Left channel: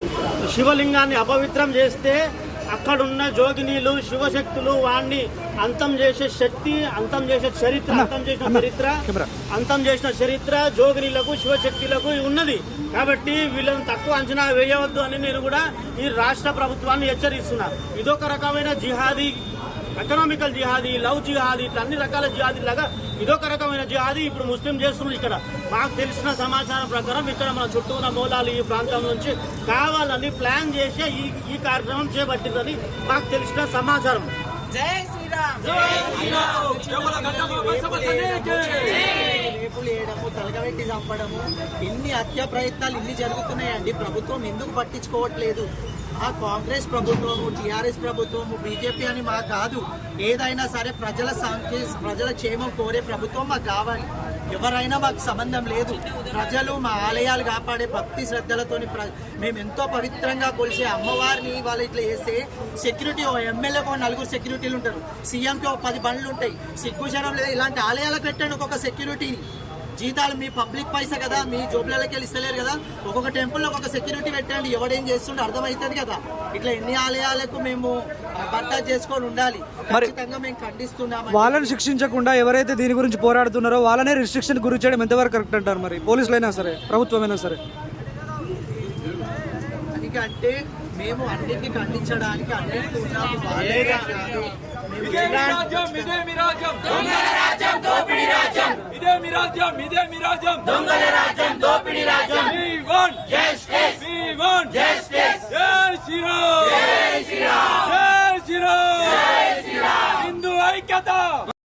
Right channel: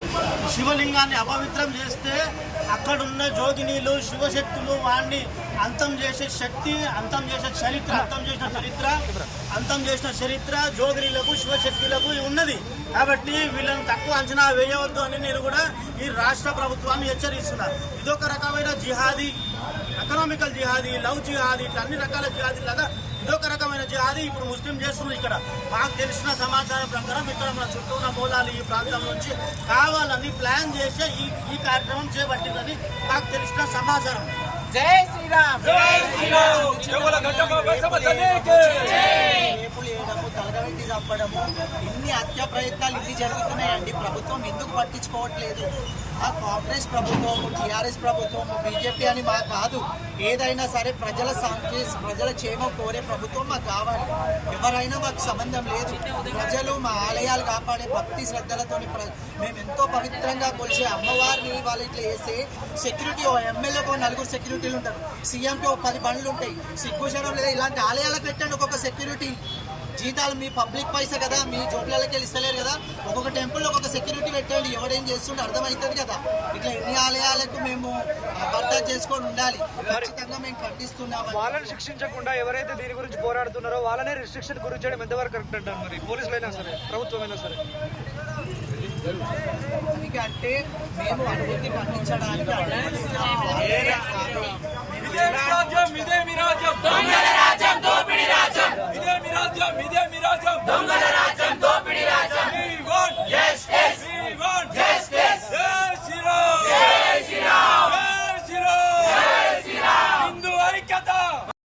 శివలింగాన్ని అపవిత్రం చేస్తే అక్కడున్న జోగినీలు శివశక్తులు వాణ్ణి అంతం చేసే శక్తి, అంతం చేసే చరిత్ర, అంతం చేసిన చరిత్ర జోగినీలకు శివశక్తులకు ఉన్నది. కాబట్టి వీళ్ళని తక్కువ అంచనా వేయవద్దు అని నేను కూడా ఈ రాష్ట్ర ప్రభుత్వాన్ని హెచ్చరిస్తున్నా. ఇదొక రకమైన jihadi, economical jihadi, love jihadi, ఇట్లా అన్ని రకాల జిహాదీ లాగా ఇదొక రకమైన జిహాదీ ఇప్పుడు ముస్లిం చేస్తున్నారు. ఇక్కడ మాకు తెలిసిన సమాచారం ప్రకారం ఇక్కడ మన చుట్టూ ఉన్న మూలాలు ఈ ప్రాంతం నుంచి కావాలని ప్లాన్ చేసే ఈ కార్యక్రమం చేపట్టిందని మాకు తెలిసిన సమాచారం. జై శ్రీరామ్, రేపులు వేయడము, తలగబెట్టి చంపడము, ఇన్ని హత్య ప్రయత్నాలు ఇన్ని జరుగుతున్నాయండి. ప్రభుత్వం ఎందుకు పట్టించుకోవట్లేదు? ఆ కాంగ్రెస్ ప్రభుత్వము, టీఆర్ఎస్ ప్రభుత్వము, బీజేపీ అని మాకు కాదు. ఏదైనా సరే ప్రజల క్షేమం కోరే ప్రభుత్వం మాకు కావాలి. ఎవరైనా మాకు సంబంధం లేదు. ప్రజలు మా ఆలయాలు కాపాడే భక్తి శ్రద్ధలతోని మేము ఎంతో పవిత్రంగా కొలిసే అమ్మవారిని వాళ్ళు ఇట్లా చేస్తే సెక్యూరిటీ ఎమ్మెల్యేకు 4 సెక్యూరిటీలు ఉంటారు, సీఎంకి 10 బండ్లు ఉంటాయి. సిగ్గుజనం లేదా? ఇలాంటి ఆలయాలకు పెట్టండి ఒక్కొక్క సెక్యూరిటీ. జీతాలు మీ పబ్లిక్ పైసా కదా, మీ జోబులకి వెళ్ళి ఇస్తలేరు కదా. ఒక్కొక్క టెంపుల్ ఒక్కొక్క సెక్యూరిటీ పెట్టండి, ఎవడేం చేస్తుండే అర్థమవుతుంది కదా. ఇట్లా ఎన్ని ఆలయాలకు మేము బర్దాస్తు చేసుకొని ఉండాలి. ఖచ్చితంగా మేము ఖండిస్తున్నాం. వాళ్ళని శిక్షించకుండా ఎవరైతే దీని గురించి పోరాడుతున్నారో వాళ్ళనే రిస్ట్రిక్షన్ గురి చేయడం ఎంతవరకు కరెక్ట్ అంటారు? మరి పోలీసులైనా సరే, ప్రభుత్వమైనా సరే. అందుకంటే మేము అన్నింటినీ ఖండించడానికి అన్నింటినీ ఉన్నాము. వాళ్ళే కాదు. ఇదే మీ రాజ్యం, ఇదే మీ రాజ్యం, దొంగల రాజ్యం, దోపిడీ రాజ్యం. ఇదే మీ రాజ్యం, ఇదే మీ రాజ్యం, దొంగల రాజ్యం, దోపిడీ రాజ్యం. We want justice. We want justice.